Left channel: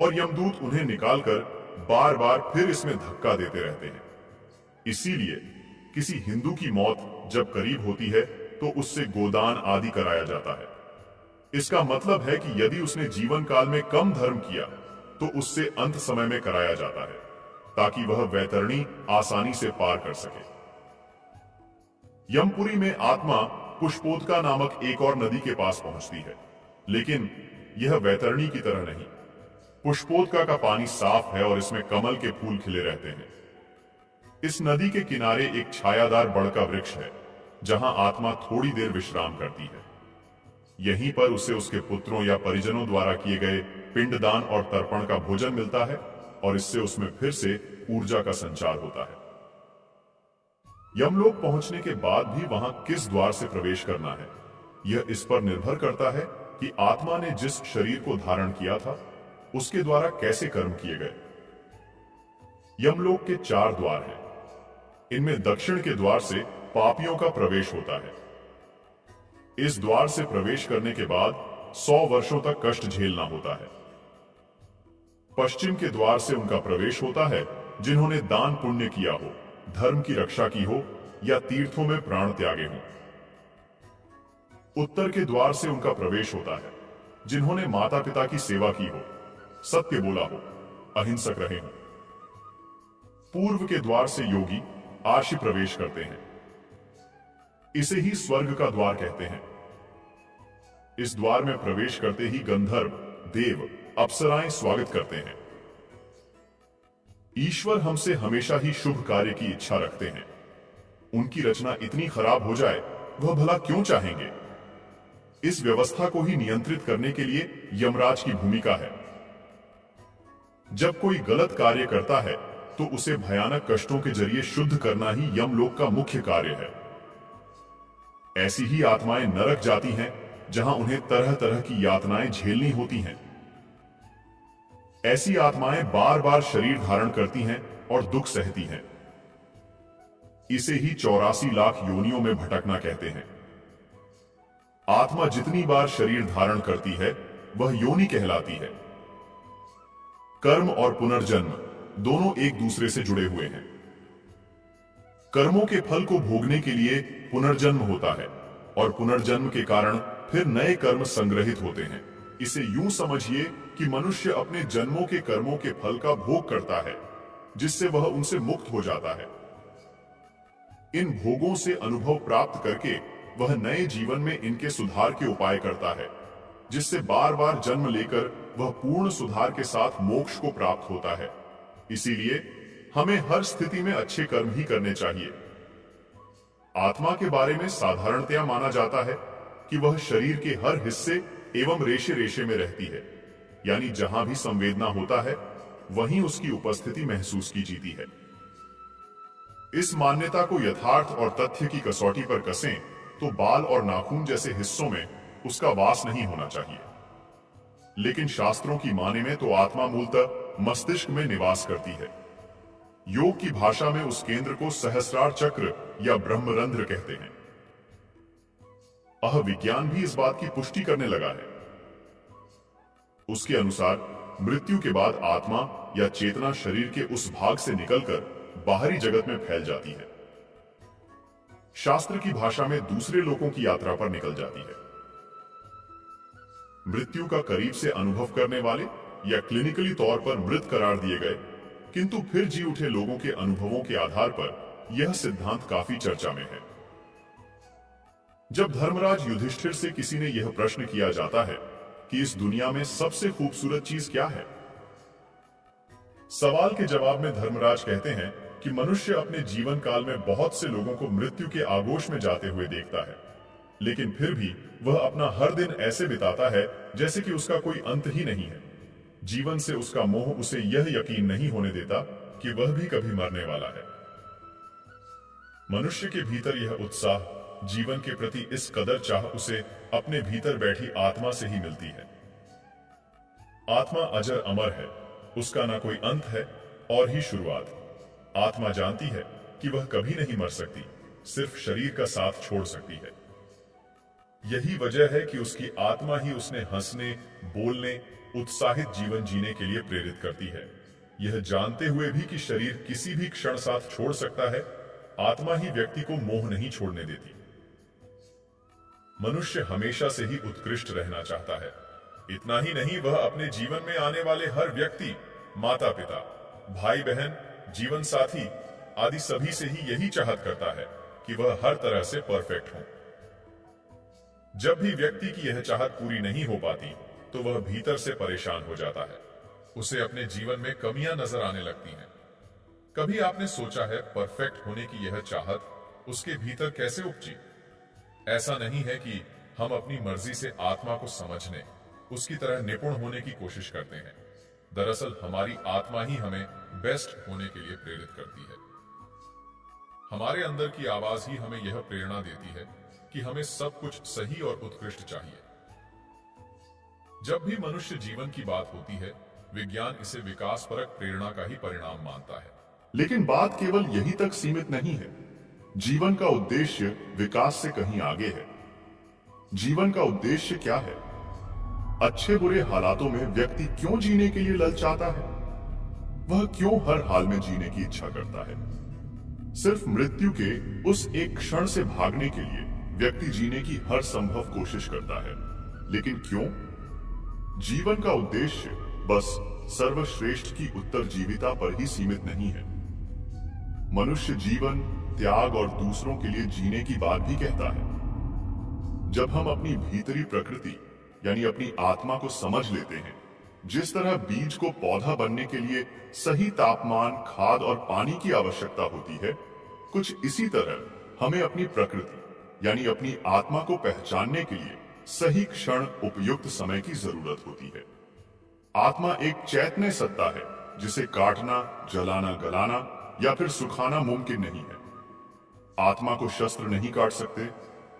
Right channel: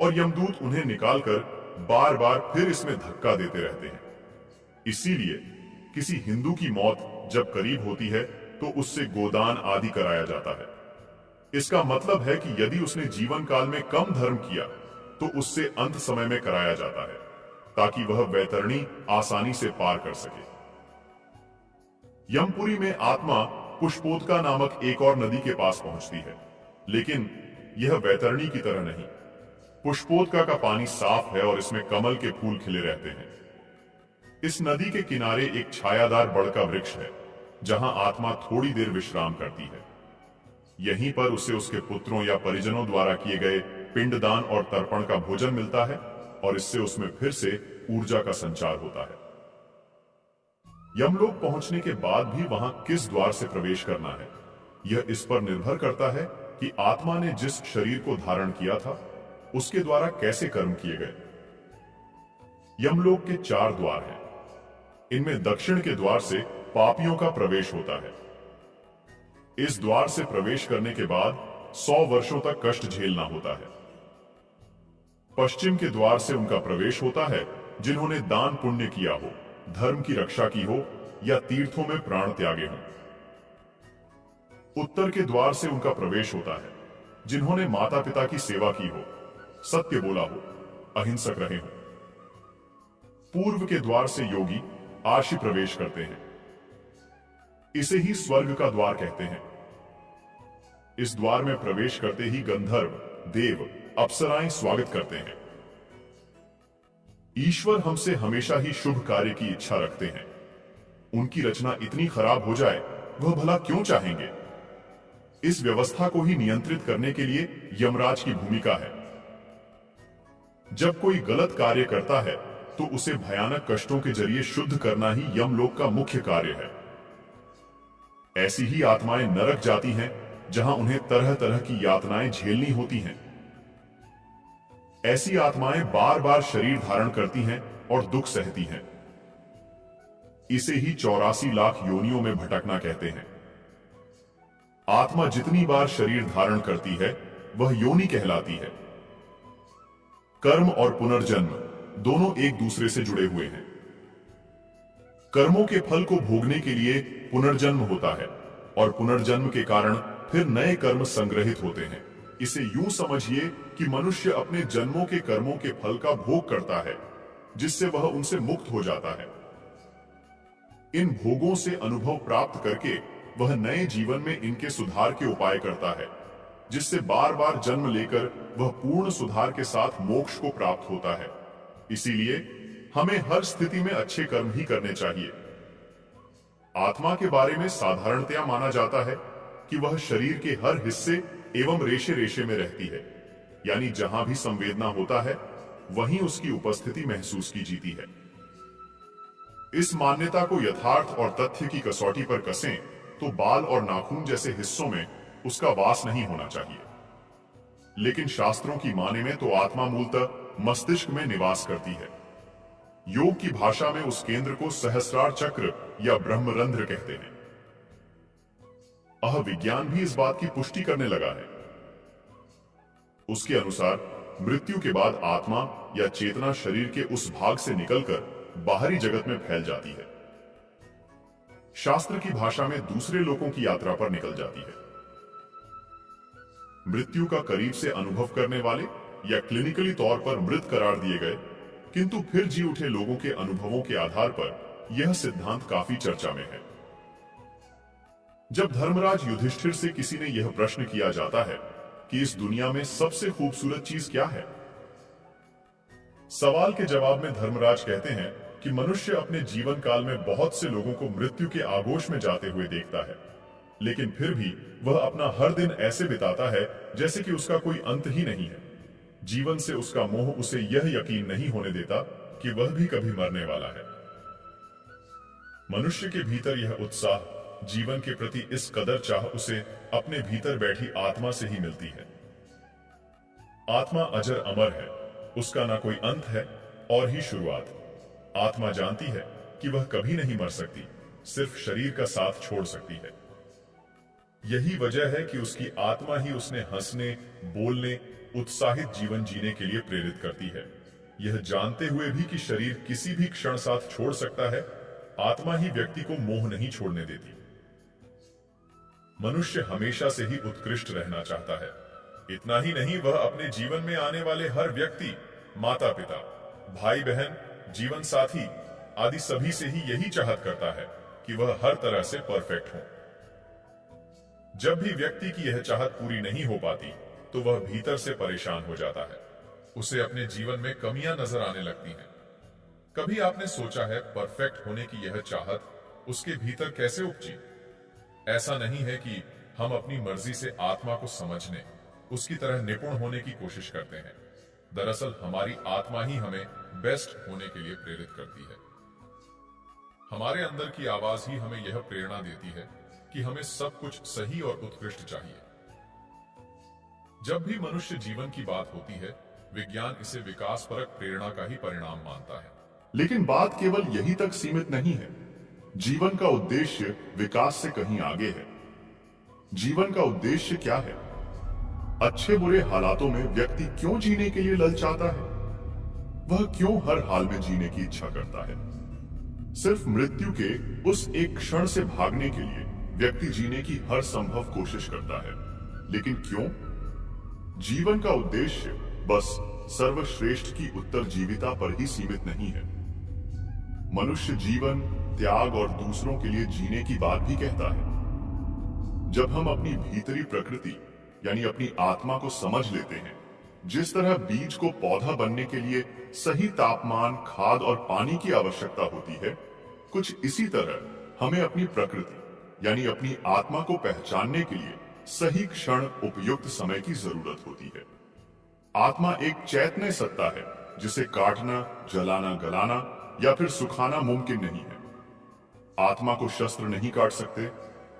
और यमदूत उन्हें निकालकर बार बार फिर इसमें धक्का देते रहते हैं। इसीलिए किसी हिंदू की मौत जब करीब होती है तो उससे गोदान आदि कराया जाता है। इसका मतलब है कि यदि उसने जीवन काल में कम धर्म किया तो उससे अंत समय में कराया जाता है, ताकि वह वैतरणी आसानी से पार कर सके। यमपुरी में आत्मा पुष्पोदका नामक एक और नदी के पास पहुंचती है, लेकिन यह वैतरणी की तरह नहीं। पुष्पोदका का पानी साफ है और इसमें कमल के फूल खिले रहते हैं। इस नदी के किनारे एक छायादार बड़ का वृक्ष है, जहां आत्मा थोड़ी देर विश्राम करती है। यहीं पर उसे उसके पुत्रों या परिजनों द्वारा किए गए पिंडदान और तर्पण का भोजन मिलता है, और इससे उसमें फिर से ऊर्जा का संचार होता है। यमलोक पहुंचने के बाद भी वहां किस द्वार से प्रवेश करना है, यह इस पर निर्भर करता है कि आत्मा ने जिस शरीर को धारण किया था उसके द्वारा कैसे कर्म किए गए। यमलोक के 4 द्वार हैं। इनमें दक्षिण के द्वार से पापियों का प्रवेश होता है। इस द्वार से प्रवेश करने के बाद 100 वर्षों तक कष्ट झेलना होता है। पश्चिम के द्वार से उनका प्रवेश होता है जिन्होंने दान पुण्य किया हो, धर्म की रक्षा की हो या तीर्थों में प्राण त्यागे हों। उत्तर के द्वार से उनका प्रवेश होता है जिन्होंने माता पिता की सेवा की हो, सत्य बोला हो, अहिंसक रहे हों। पूर्व के द्वार से योगी आशी प्रवेश करते हैं। इसे ही स्वर्ग का द्वार कहते हैं। इस द्वार में प्रवेश करते ही गंधर्व, देव, अप्सराएं स्वागत करते हैं। ईश्वर हमसे हमेशा ही शुभ कार्य की इच्छा रखते हैं। उनकी रचना इतनी खराब हो जाए, वह भला क्यों चाहेंगे? इस व्यवस्था को ही नियंत्रित करने के लिए यमराज की भूमिका है। जब कोई गलत कार्य करता है तो उसे भयानक कष्टों के जरिए शुद्ध करना ही यमलोक का मुख्य कार्य है। ऐसी ही आत्माएं नरक जाती हैं, जहां उन्हें तरह तरह की यातनाएं झेलनी होती हैं। ऐसी आत्माएं बार बार शरीर धारण करती हैं और दुख सहती हैं। इसे ही 84 लाख योनियों में भटकना कहते हैं। आत्मा जितनी बार शरीर धारण करती है वह योनि कहलाती है। कर्म और पुनर्जन्म दोनों एक दूसरे से जुड़े हुए हैं। कर्मों के फल को भोगने के लिए पुनर्जन्म होता है और पुनर्जन्म के कारण फिर नए कर्म संग्रहित होते हैं। इसे यूं समझिए कि मनुष्य अपने जन्मों के कर्मों के फल का भोग करता है, जिससे वह उनसे मुक्त हो जाता है। इन भोगों से अनुभव प्राप्त करके वह नए जीवन में इनके सुधार के उपाय करता है, जिससे बार बार जन्म लेकर वह पूर्ण सुधार के साथ मोक्ष को प्राप्त होता है। इसीलिए हमें हर स्थिति में अच्छे कर्म ही करने चाहिए। आत्मा के बारे में साधारणतया माना जाता है कि वह शरीर के हर हिस्से एवं रेशे रेशे में रहती है, यानी जहां भी संवेदना होता है वहीं उसकी उपस्थिति महसूस की जीती है। इस मान्यता को यथार्थ और तथ्य की कसौटी पर कसें तो बाल और नाखून जैसे हिस्सों में उसका वास नहीं होना चाहिए। लेकिन शास्त्रों की माने में तो आत्मा मूलतः मस्तिष्क में निवास करती है। योग की भाषा में उस केंद्र को सहस्रार चक्र या ब्रह्मरंध्र कहते हैं। विज्ञान भी इस बात की पुष्टि करने लगा है। उसके अनुसार मृत्यु के बाद आत्मा या चेतना शरीर के उस भाग से निकलकर बाहरी जगत में फैल जाती है। शास्त्र की भाषा में दूसरे लोकों की यात्रा पर निकल जाती है। मृत्यु का करीब से अनुभव करने वाले या क्लिनिकली तौर पर मृत करार दिए गए किंतु फिर जी उठे लोगों के अनुभवों के आधार पर यह सिद्धांत काफी चर्चा में है। जब धर्मराज युधिष्ठिर से किसी ने यह प्रश्न किया जाता है कि इस दुनिया में सबसे खूबसूरत चीज क्या है, सवाल के जवाब में धर्मराज कहते हैं कि मनुष्य अपने जीवन काल में बहुत से लोगों को मृत्यु के आगोश में जाते हुए देखता है, लेकिन फिर भी वह अपना हर दिन ऐसे बिताता है जैसे कि उसका कोई अंत ही नहीं है। जीवन से उसका मोह उसे यह यकीन नहीं होने देता कि वह भी कभी मरने वाला है। मनुष्य के भीतर यह उत्साह, जीवन के प्रति इस कदर चाह उसे अपने भीतर बैठी आत्मा से ही मिलती है। आत्मा अजर अमर है, उसका ना कोई अंत है और ही शुरुआत। आत्मा जानती है कि वह कभी नहीं मर सकती, सिर्फ शरीर का साथ छोड़ सकती है। यही वजह है कि उसकी आत्मा ही उसने हंसने, बोलने, उत्साहित जीवन जीने के लिए प्रेरित करती है। यह जानते हुए भी कि शरीर किसी भी क्षण साथ छोड़ सकता है, आत्मा ही व्यक्ति को मोह नहीं छोड़ने देती। मनुष्य हमेशा से ही उत्कृष्ट रहना चाहता है। इतना ही नहीं, वह अपने जीवन में आने वाले हर व्यक्ति, माता पिता, भाई बहन, जीवन साथी आदि सभी से ही यही चाहत करता है कि वह हर तरह से परफेक्ट हो। जब भी व्यक्ति की यह चाहत पूरी नहीं हो पाती तो वह भीतर से परेशान हो जाता है। उसे अपने जीवन में कमियां नजर आने लगती हैं। कभी आपने सोचा है परफेक्ट होने की यह चाहत उसके भीतर कैसे उपजी? ऐसा नहीं है कि हम अपनी मर्जी से आत्मा को समझने, उसकी तरह निपुण होने की कोशिश करते हैं। दरअसल हमारी आत्मा ही हमें बेस्ट होने के लिए प्रेरित करती है। हमारे अंदर की आवाज ही हमें यह प्रेरणा देती है कि हमें सब कुछ सही और उत्कृष्ट चाहिए। जब भी मनुष्य जीवन की बात होती है, विज्ञान इसे विकासपरक प्रेरणा का ही परिणाम मानता है। लेकिन बात केवल यही तक सीमित नहीं है। जीवन का उद्देश्य विकास से कहीं आगे है। जीवन का उद्देश्य क्या है? अच्छे बुरे हालातों में व्यक्ति क्यों जीने के लिए ललचाता है? वह क्यों हर हाल में जीने की इच्छा करता है? सिर्फ मृत्यु के उस एक क्षण से भागने के लिए व्यक्ति जीने की हर संभव कोशिश करता है। लेकिन क्यों? जीवन का उद्देश्य बस सर्वश्रेष्ठ की उत्तरजीविता पर ही सीमित नहीं है। मनुष्य जीवन, त्याग और दूसरों के लिए जीने की बात भी कहता है। जब हम अपनी भीतरी प्रकृति यानी अपनी आत्मा को समझ लेते हैं, जिस तरह बीज को पौधा बनने के लिए सही तापमान, खाद और पानी की आवश्यकता होती है, कुछ इसी तरह हमें अपनी प्रकृति यानी अपनी आत्मा को पहचानने के लिए सही क्षण, उपयुक्त समय की जरूरत होती है। आत्मा एक चैतन्य सत्ता है जिसे काटना, जलाना, गलाना या फिर सुखाना मुमकिन नहीं है। आत्मा को शस्त्र नहीं काट सकते,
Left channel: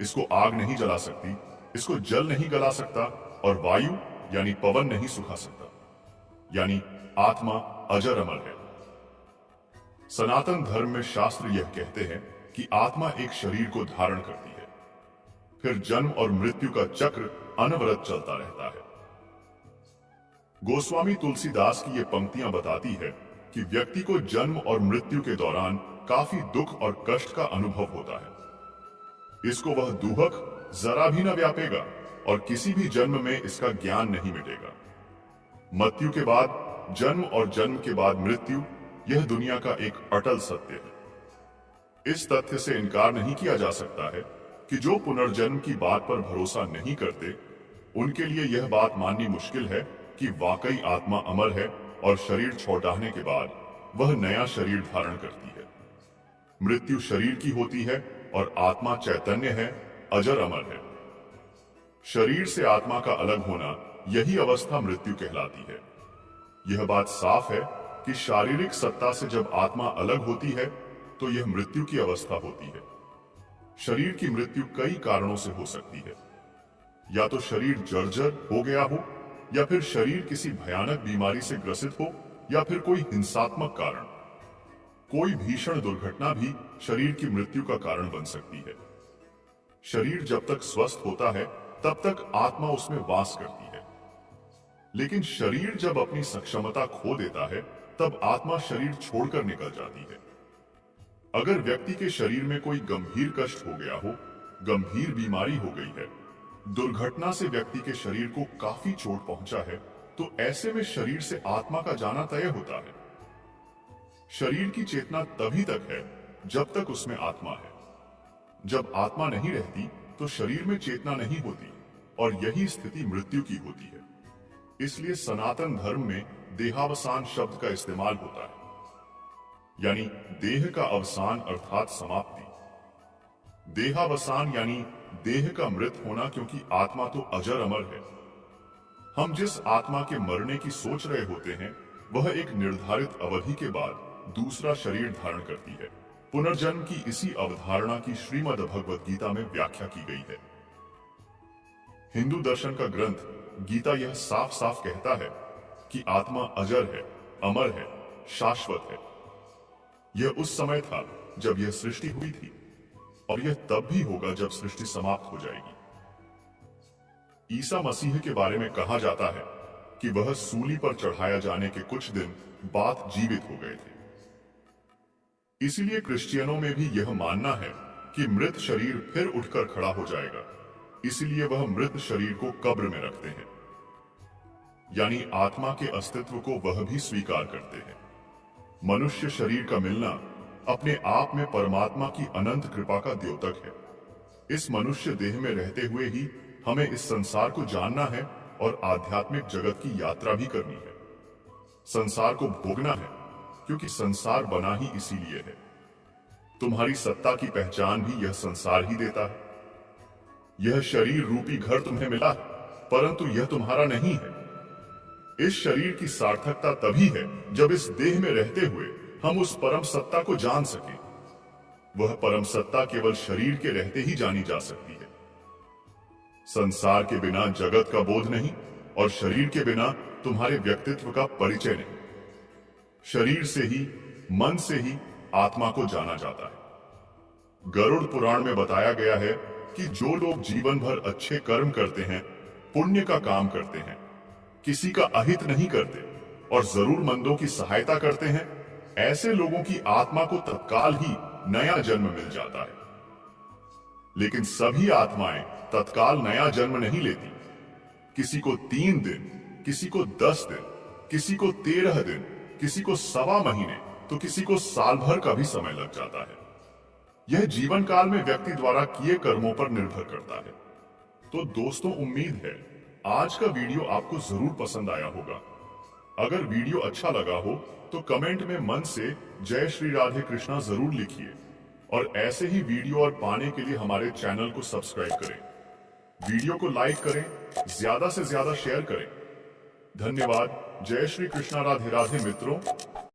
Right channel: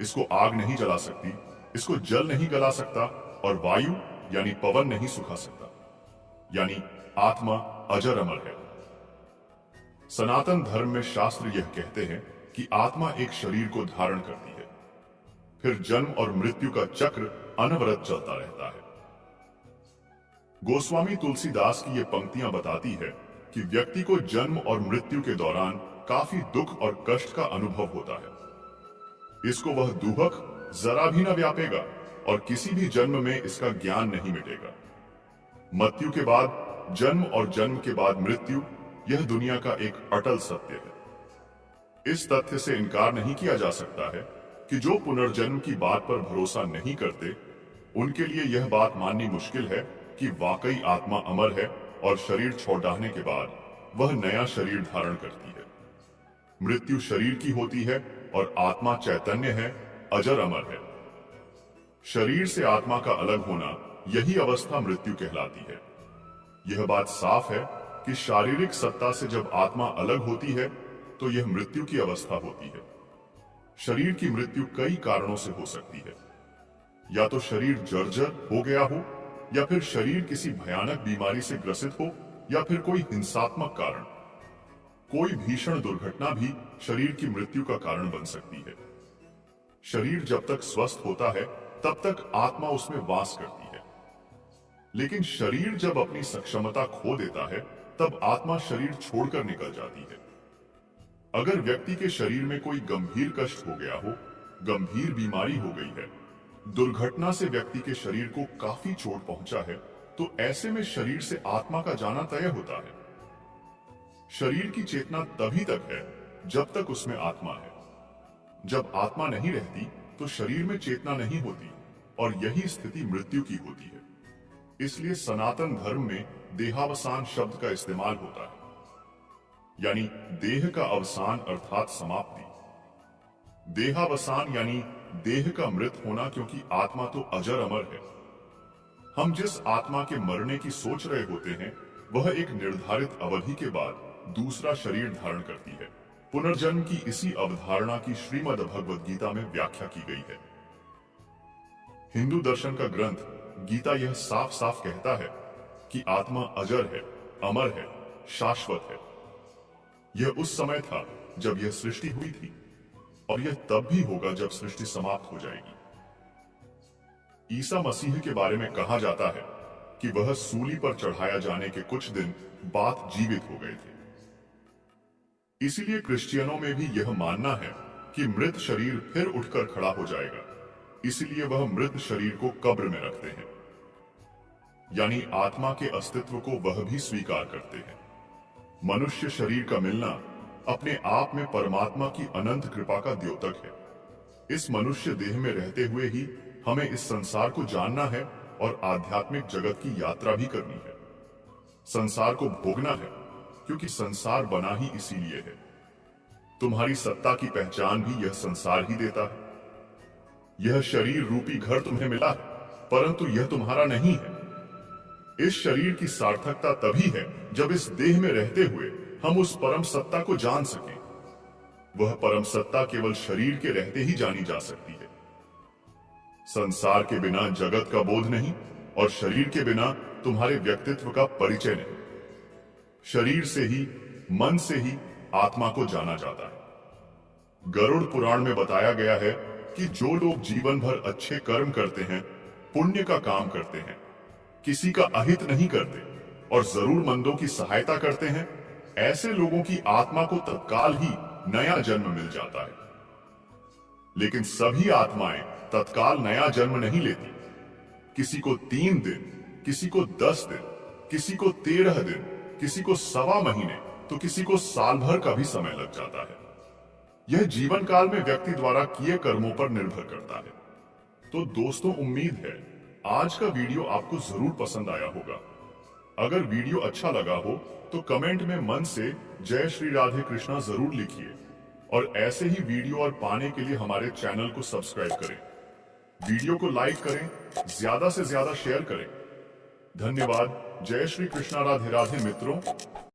इसको आग नहीं जला सकती, इसको जल नहीं गला सकता और वायु यानी पवन नहीं सुखा सकता। यानी आत्मा अजर अमर है। सनातन धर्म में शास्त्र यह कहते हैं कि आत्मा एक शरीर को धारण करती है, फिर जन्म और मृत्यु का चक्र अनवरत चलता रहता है। गोस्वामी तुलसीदास की ये पंक्तियां बताती है कि व्यक्ति को जन्म और मृत्यु के दौरान काफी दुख और कष्ट का अनुभव होता है। इसको वह दुहक जरा भी न व्यापेगा और किसी भी जन्म में इसका ज्ञान नहीं मिटेगा। मृत्यु के बाद जन्म और जन्म के बाद मृत्यु, यह दुनिया का एक अटल सत्य है। इस तथ्य से इनकार नहीं किया जा सकता है कि जो पुनर्जन्म की बात पर भरोसा नहीं करते, उनके लिए यह बात माननी मुश्किल है कि वाकई आत्मा अमर है और शरीर छोड़ डालने के बाद वह नया शरीर धारण करती है। मृत्यु शरीर की होती है और आत्मा चैतन्य है, अजर अमर है। शरीर से आत्मा का अलग होना, यही अवस्था मृत्यु कहलाती है। यह बात साफ है कि शारीरिक सत्ता से जब आत्मा अलग होती है तो यह मृत्यु की अवस्था होती है। शरीर की मृत्यु कई कारणों से हो सकती है। या तो शरीर जर्जर हो गया हो, या फिर शरीर किसी भयानक बीमारी से ग्रसित हो, या फिर कोई हिंसात्मक कारण। कोई भीषण दुर्घटना भी शरीर की मृत्यु का कारण बन सकती है। शरीर जब तक स्वस्थ होता है तब तक आत्मा उसमें वास करती है, लेकिन शरीर जब अपनी सक्षमता खो देता है तब आत्मा शरीर छोड़कर निकल जाती है। अगर व्यक्ति के शरीर में कोई गंभीर कष्ट हो गया हो, गंभीर बीमारी हो गई है, दुर्घटना से व्यक्ति के शरीर को काफी चोट पहुंचा है, तो ऐसे में शरीर से आत्मा का जाना तय होता है। शरीर की चेतना तभी तक है जब तक उसमें आत्मा है। जब आत्मा नहीं रहती तो शरीर में चेतना नहीं होती और यही स्थिति मृत्यु की होती है। इसलिए सनातन धर्म में देहावसान शब्द का इस्तेमाल होता है, यानी देह का अवसान अर्थात समाप्ति। देहावसान यानी देह का मृत होना, क्योंकि आत्मा तो अजर अमर है। हम जिस आत्मा के मरने की सोच रहे होते हैं वह एक निर्धारित अवधि के बाद दूसरा शरीर धारण करती है। पुनर्जन्म की इसी अवधारणा की श्रीमद् भगवद गीता में व्याख्या की गई है। हिंदू दर्शन का ग्रंथ गीता यह साफ साफ कहता है कि आत्मा अजर है, अमर है, शाश्वत है। यह उस समय था जब यह सृष्टि हुई थी और यह तब भी होगा जब सृष्टि समाप्त हो जाएगी। ईसा मसीह के बारे में कहा जाता है कि वह सूली पर चढ़ाया जाने के कुछ दिन बाद जीवित हो गए थे। इसीलिए क्रिश्चियनों में भी यह मानना है कि मृत शरीर फिर उठकर खड़ा हो जाएगा, इसलिए वह मृत शरीर को कब्र में रखते हैं, यानी आत्मा के अस्तित्व को वह भी स्वीकार करते हैं। मनुष्य शरीर का मिलना अपने आप में परमात्मा की अनंत कृपा का द्योतक है। इस मनुष्य देह में रहते हुए ही हमें इस संसार को जानना है और आध्यात्मिक जगत की यात्रा भी करनी है। संसार को भोगना है, क्योंकि संसार बना ही इसीलिए है। तुम्हारी सत्ता की पहचान भी यह संसार ही देता है। यह शरीर रूपी घर तुम्हें मिला है, परंतु यह तुम्हारा नहीं है। इस शरीर की सार्थकता तभी है जब इस देह में रहते हुए हम उस परम सत्ता को जान सकें। वह परम सत्ता केवल शरीर के रहते ही जानी जा सकती है। संसार के बिना जगत का बोध नहीं और शरीर के बिना तुम्हारे व्यक्तित्व का परिचय नहीं। शरीर से ही, मन से ही आत्मा को जाना जाता है। गरुड़ पुराण में बताया गया है कि जो लोग जीवन भर अच्छे कर्म करते हैं, पुण्य का काम करते हैं, किसी का अहित नहीं करते और जरूरतमंदों की सहायता करते हैं, ऐसे लोगों की आत्मा को तत्काल ही नया जन्म मिल जाता है। लेकिन सभी आत्माएं तत्काल नया जन्म नहीं लेती। किसी को 3 दिन, किसी को 10 दिन, किसी को 13 दिन, किसी को 1.25 महीने, तो किसी को साल भर का भी समय लग जाता है। यह जीवन काल में व्यक्ति द्वारा किए कर्मों पर निर्भर करता है। तो दोस्तों, उम्मीद है आज का वीडियो आपको जरूर पसंद आया होगा। अगर वीडियो अच्छा लगा हो तो कमेंट में मन से जय श्री राधे कृष्णा जरूर लिखिए और ऐसे ही वीडियो और पाने के लिए हमारे चैनल को सब्सक्राइब करें। वीडियो को लाइक करें, ज्यादा से ज्यादा शेयर करें। धन्यवाद। जय श्री कृष्णा। राधे राधे मित्रों।